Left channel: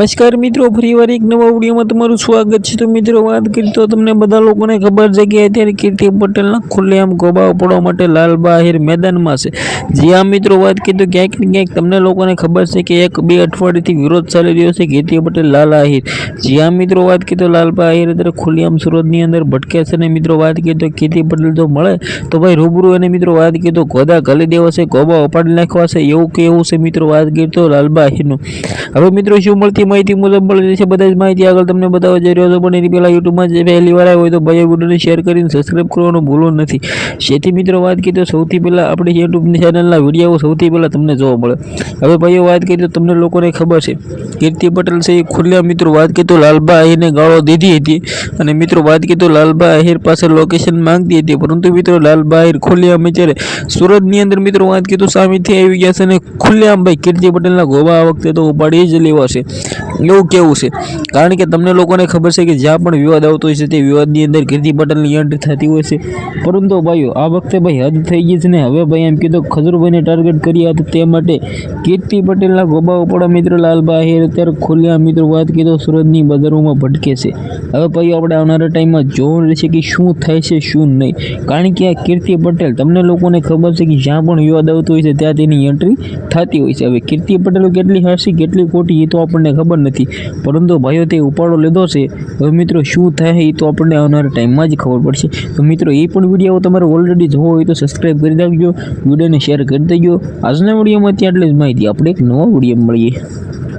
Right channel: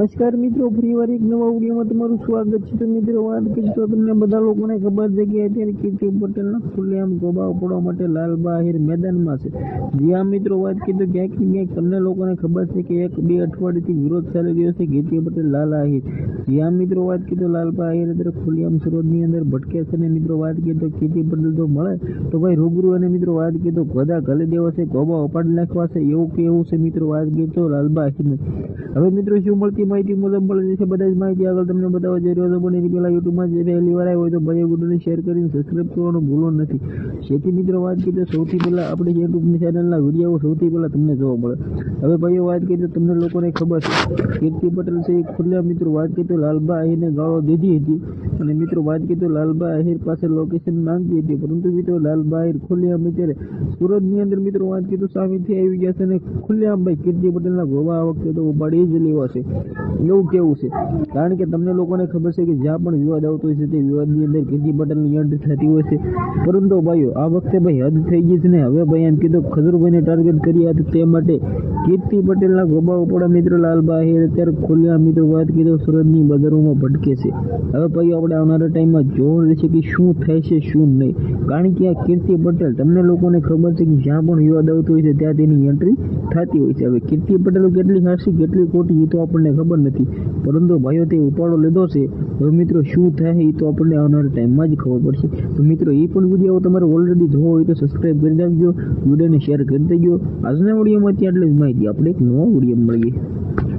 નમસ્કાર મિત્રો, ફરીવાર એક નવા વિડીયોમાં તમારું સ્વાગત છે। તો મિત્રો વાત કરીએ તો તમને બધા લોકોને ખબર છે કે અત્યારે કીર્તિ પટેલના ખુલ્લેઆમ ગોબાઓ પડવા માટે લાલબા આહિર મેદાનમાં છે। જી હા મિત્રો, વાત કરીએ તો ક્યાંક ને ક્યાંક તમને લોકોને ખબર છે કે 1-2 અઠવાડિયાથી વિરોધ ચાલી રહ્યો છે કીર્તિ પટેલ લાલ આહિર। જી હા મિત્રો, વાત કરીએ તો લાલબા આહિર અત્યારે ખુલ્લેઆમ સુરતની અંદર ભટકે છે અને મિત્રો વાત કરીએ તો કીર્તિ પટેલ જો મળે તો ભાઈ રૂબરૂ અને મિત્રો વાત કરીએ તો ગોદા ઘાલી દેવા છે, ગોબા ઉપાડી નાખવા છે એવું કેવું છે મિત્રો વાત કરીએ તો લાલબા આહિરનું। હવે મિત્રો શું મળતી માહિતી મુજબ મળી છે બધા જ માહિતી આગળ તમને બતાવવા જઈ રહ્યો છું, પણ એની પહેલાં યુટ્યુબમાં જે પહેલી વાર આવ્યો હોય તો ભાઈ વિડીયોને શેર કરીને સબસ્ક્રાઈબ કરવાનું ભૂલો નથી। જેથી મિત્રો વાત કરીએ તો સૌથી પહેલાં આપણી યુટ્યુબની ચેનલના વિડીયો સૌથી પહેલાં તમને જોવા મળે। હવે ભાઈઓ વાત કરીએ તો તમને લોકોને ખબર છે કીર્તિ પટેલ છે એ ખુલ્લા મિત્રો વાત કરીએ તો લાલબા આહિરને ગાળો દીધી હતી અને મિત્રો વાત કરીએ તો લાલબા આહિર પાસે લોકેશન માંગતી હતી, પરંતુ મિત્રો લાલબા આહિર ખુલ્લેઆમ અત્યારે સુરતની અંદર મિત્રો વાત કરીએ તો સામેથી આવી ગયા છે અને ખુલ્લેઆમ ભાઈ કીર્તિ પટેલના ગોબા આ વખતે તો ઉપાડી જ લેવા છે એવું કેવું છે। કારણ કે તમને લોકોને ખબર છે કે જ્યાં પણ વિવાદ આવતો હોય છે તે વિવાદની અંદર કીર્તિ પટેલની એન્ટ્રી થતી હોય છે, પરંતુ ભાઈઓ આ વખતે ભાઈ હદ થઈ ગઈ છે ને હવે ભાઈ એમ કીધું ખજૂરભાઈને ટાર્ગેટ કર્યા હતા તે માટે કીર્તિ પટેલના ગોબા ઉપર મિત્રો લાલબા આહિર અત્યારે ખુલ્લેઆમ મિત્રો વાત કરીએ તો સુરતની બજારોમાં ભટકે છે। હવે ભાઈઓ આપણે આવનારા ટાઈમમાં જોવું રહેશે કે શું થાય છે શું નહીં, કારણ કે આ કીર્તિ પટેલ તમને લોકોને ખબર છે કે જ્યાં પણ વિવાદ આવતો હોય છે ત્યાં તેની એન્ટ્રી થતી હોય છે। હવે કીર્તિ પટેલ કેટલી હારસી કેટલી ખોટી એ તો આપણને ખબર નથી, પરંતુ ભાઈઓ તે ઉપાડો લીધો છે। હવે મિત્રો શું થાય એ તો આપણને આવનારા ટાઈમમાં જ ખબર પડશે। તો મિત્રો એ પણ વિડીયો તમારે ઓલરેડી જોવો હોય તો સબસ્ક્રાઈબ કરી દેજો, વિડીયોને શેર કરી દેજો। આજના વિડીયોમાં ત્યાં એટલે જ માહિતી, આપણે એક નવો વિડીયો મળીએ।